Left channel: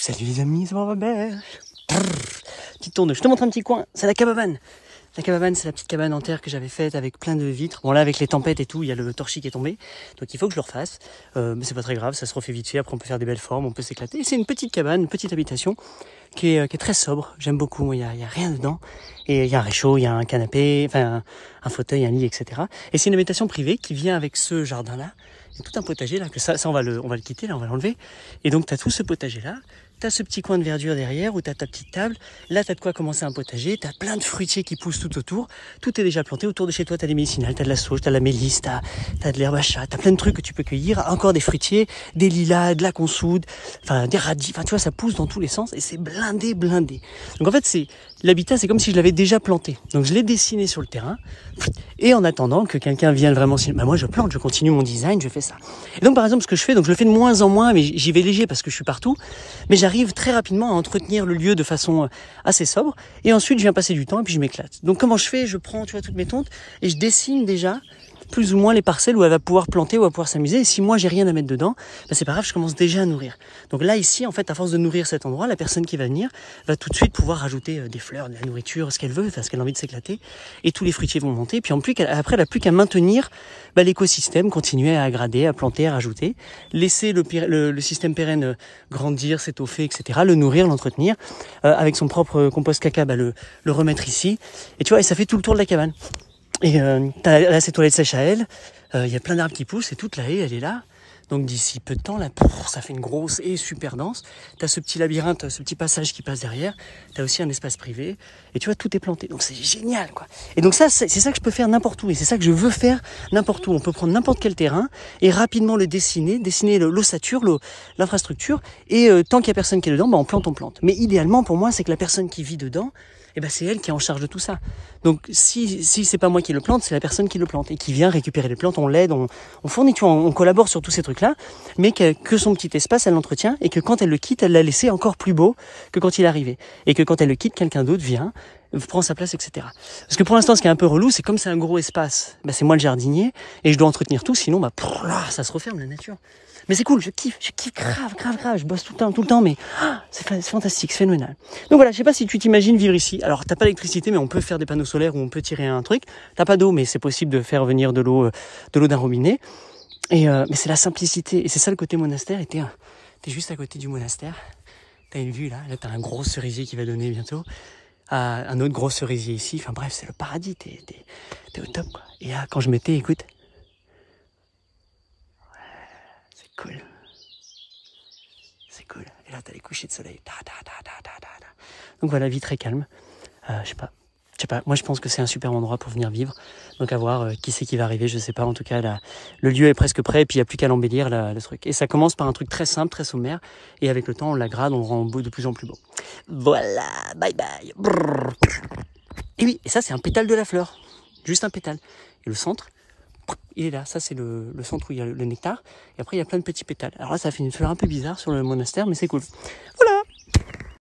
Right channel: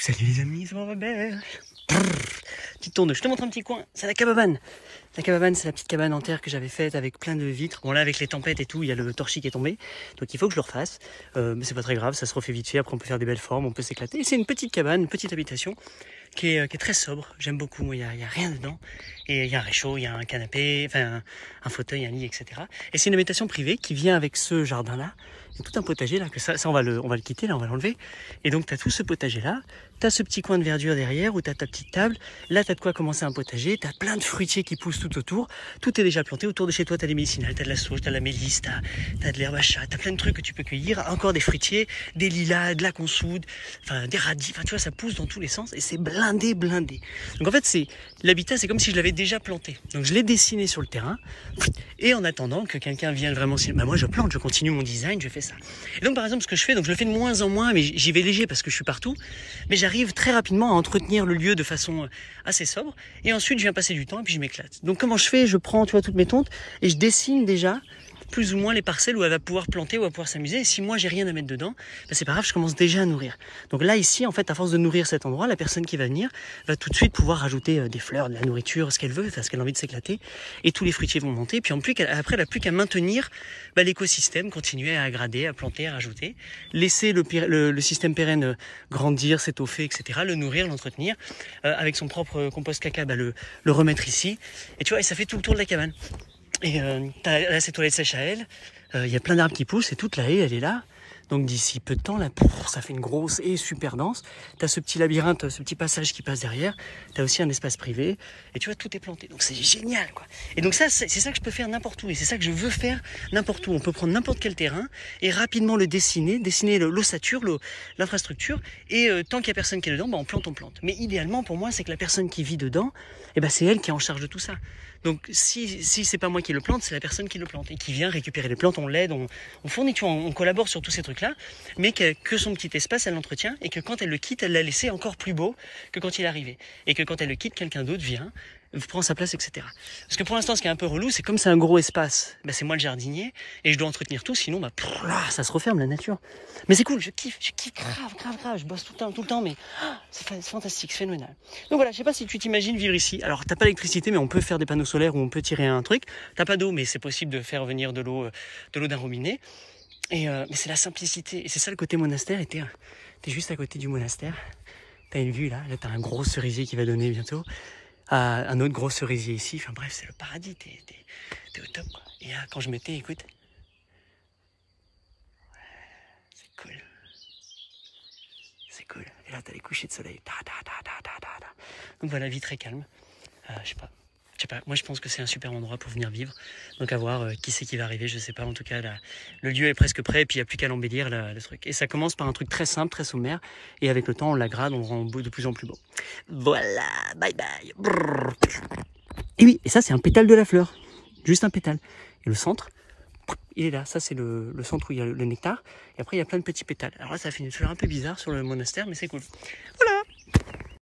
Salut les amis, c'est Robert. Petite tourne, je te montre un petit coin, c'est la cabane. La cabane, c'est la petite cabane en terre que j'avais faite avec plein de vitres. Bon là, avec les tempêtes et tout, il y a le torchis qui est tombé. Donc il faut que je le refasse. Mais c'est pas très grave, ça se refait vite fait. Après on peut faire des belles formes, on peut s'éclater. Et c'est une petite cabane, une petite habitation qui est très sobre. J'aime beaucoup, il y a rien dedans. Et il y a un réchaud, il y a un canapé, enfin un fauteuil, un lit, etc. Et c'est une habitation privée qui vient avec ce jardin-là. Il y a tout un potager là, que ça on va le quitter, là on va l'enlever. Et donc tu as tout ce potager-là. T'as ce petit coin de verdure derrière où t'as ta petite table. Là, t'as de quoi commencer un potager. T'as plein de fruitiers qui poussent tout autour. Tout est déjà planté. Autour de chez toi, t'as des médicinales, t'as de la sauge, t'as de la mélisse, t'as de l'herbe à chat, t'as plein de trucs que tu peux cueillir. Encore des fruitiers, des lilas, de la consoude, enfin des radis. Enfin, tu vois, ça pousse dans tous les sens et c'est blindé. Donc en fait, l'habitat, c'est comme si je l'avais déjà planté. Donc je l'ai dessiné sur le terrain. Et en attendant que quelqu'un vienne vraiment, moi je plante, je continue mon design, je fais ça. Et donc par exemple, ce que je fais, donc je le fais de moins en moins, mais j'y vais léger parce que je suis partout. Mais j'arrive très rapidement à entretenir le lieu de façon assez sobre. Et ensuite, je viens passer du temps et puis je m'éclate. Donc comment je fais? Je prends, tu vois, toutes mes tontes et je dessine déjà plus ou moins les parcelles où elle va pouvoir planter, où elle va pouvoir s'amuser. Et si moi j'ai rien à mettre dedans, ben c'est pas grave, je commence déjà à nourrir. Donc là ici, en fait, à force de nourrir cet endroit, la personne qui va venir va tout de suite pouvoir rajouter des fleurs, de la nourriture, ce qu'elle veut, parce qu'elle a envie de s'éclater. Et tous les fruitiers vont monter. Puis après, elle n'a plus qu'à maintenir l'écosystème, continuer à aggrader, à planter, à rajouter, laisser le système pérenne grandir, s'étoffer, etc. Le nourrir, l'entretenir, avec son propre compost caca, le remettre ici. Et tu vois, et ça fait tout le tour de la cabane. Et là, c'est toilette sèche à elle. Il y a plein d'arbres qui poussent et toute la haie, elle est là. Donc d'ici peu de temps, là, ça fait une grosse haie super dense. T'as ce petit labyrinthe, ce petit passage qui passe derrière. T'as aussi un espace privé. Et tu vois, tout est planté. Donc c'est génial, quoi. Et donc ça, c'est ça que je peux faire n'importe où. Et c'est ça que je veux faire n'importe où. On peut prendre n'importe quel terrain et rapidement le dessiner l'ossature, l'infrastructure. Et tant qu'il y a personne qui est dedans, on plante. Mais idéalement, pour moi, c'est que la personne qui vit dedans, c'est elle qui est en charge de tout ça. Donc si c'est pas moi qui le plante, c'est la personne qui le plante et qui vient récupérer les plantes, on l'aide, on fournit, tu vois, on collabore sur tous ces trucs-là, mais que son petit espace, elle l'entretient et que quand elle le quitte, elle l'a laissé encore plus beau que quand il est arrivé. Et que quand elle le quitte, quelqu'un d'autre vient, prend sa place, etc. Parce que pour l'instant, ce qui est un peu relou, c'est comme c'est un gros espace, c'est moi le jardinier et je dois entretenir tout, sinon là, ça se referme la nature. Mais c'est cool, je kiffe grave, je bosse tout le temps, mais c'est fantastique, c'est phénoménal. Donc voilà, je sais pas si tu t'imagines vivre ici. Alors t'as pas d'électricité, mais on peut faire des panneaux solaires où on peut tirer un truc. T'as pas d'eau, mais c'est possible de faire venir de l'eau d'un robinet. Et mais c'est la simplicité, et c'est ça le côté monastère. Et t'es juste à côté du monastère. T'as une vue là t'as un gros cerisier qui va donner bientôt. Un autre gros cerisier ici, enfin bref, c'est le paradis, t'es au top, quoi. Et là, quand je m'étais, écoute, c'est cool, et là, t'as les couchers de soleil, donc voilà, vie très calme, je sais pas, moi je pense que c'est un super endroit pour venir vivre, donc à voir qui c'est qui va arriver, je sais pas, en tout cas, là, le lieu est presque prêt, et puis il n'y a plus qu'à l'embellir, le truc, et ça commence par un truc très simple, très sommaire, et avec le temps, on l'aggrade, on le rend de plus en plus beau. Voilà, bye bye. Brrr. Et oui, et ça c'est un pétale de la fleur, juste un pétale. Et le centre, il est là, ça c'est le centre où il y a le nectar, et après il y a plein de petits pétales. Alors là ça fait une fleur un peu bizarre sur le monastère, mais c'est cool. Voilà.